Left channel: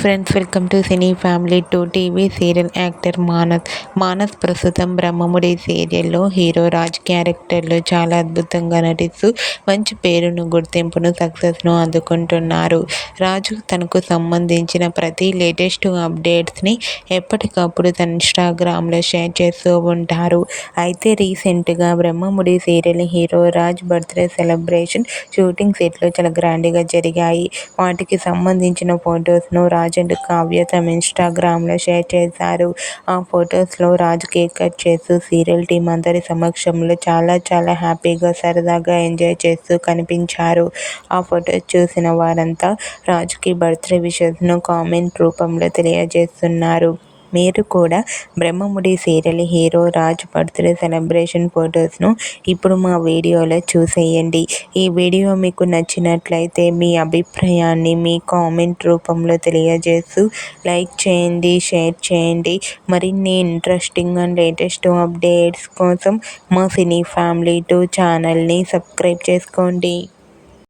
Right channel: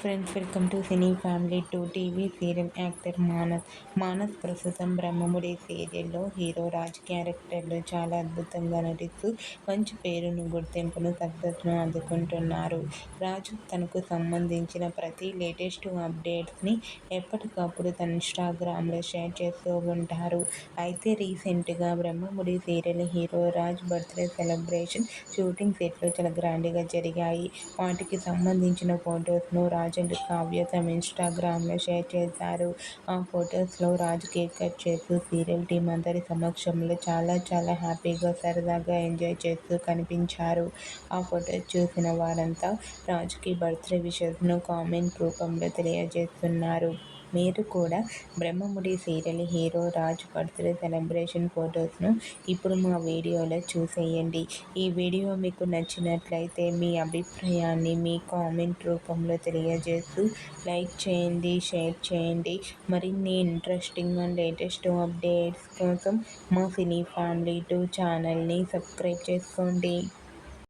Friends, welcome to cine family 2 TV serial actor Manas ప్రస్తుతం బ్రహ్మముడి సీరియల్లో hero Raj క్యారెక్టర్లో చాలా అద్భుతంగా నటిస్తూ మంచి పేరును, గుర్తింపును, సక్సెస్ను అందుకుంటున్నారు. రాజు తనకు సంబంధించిన ప్రతి లేటెస్ట్ అప్డేట్స్ని ఎప్పటికప్పుడు తన ఇన్స్టాగ్రామ్లో షేర్ చేస్తూ ఉంటారు. అయితే రీసెంట్గా Brahmamudi serial hero Raj birthday celebration shooting సెట్లో చాలా గ్రాండ్గా జరిగాయి. వాటికి సంబంధించిన ఫొటోస్ను రాజ్ అండ్ కావ్య తమ ఇన్స్టాగ్రామ్లో షేర్ చేశారు. ఆ ఫొటోస్లో రాజ్ కేక్ కట్ చేస్తూ సీరియల్ టీం అందరి సమక్షంలో చాలా చాలా హ్యాపీగా, సరదాగా ఎంజాయ్ చేస్తూ కనిపించారు. ఆ ఫొటోస్ చూసిన వారంతా రాజ్కి బర్త్డే విషెస్ను కామెంట్ రూపంలో తెలియజేస్తున్నారు. మీరు కూడా Brahmamudi serial hero Raj birthday celebration ఫొటోస్ను ఇప్పుడు మా వీడియోలో చూసేయండి. ఈ వీడియో మీకు నచ్చినట్లయితే మీ అభిప్రాయాన్ని మీ కామెంట్ రూపంలో తెలియజేస్తూ లైక్ చేయండి, షేర్ చేయండి. మరిన్ని ఇంట్రెస్టింగ్ అండ్ లేటెస్ట్ అప్డేట్స్ కోసం మా సినీ ఫ్యామిలీ 2 ఛానల్ని సబ్స్క్రైబ్ చేసుకోండి.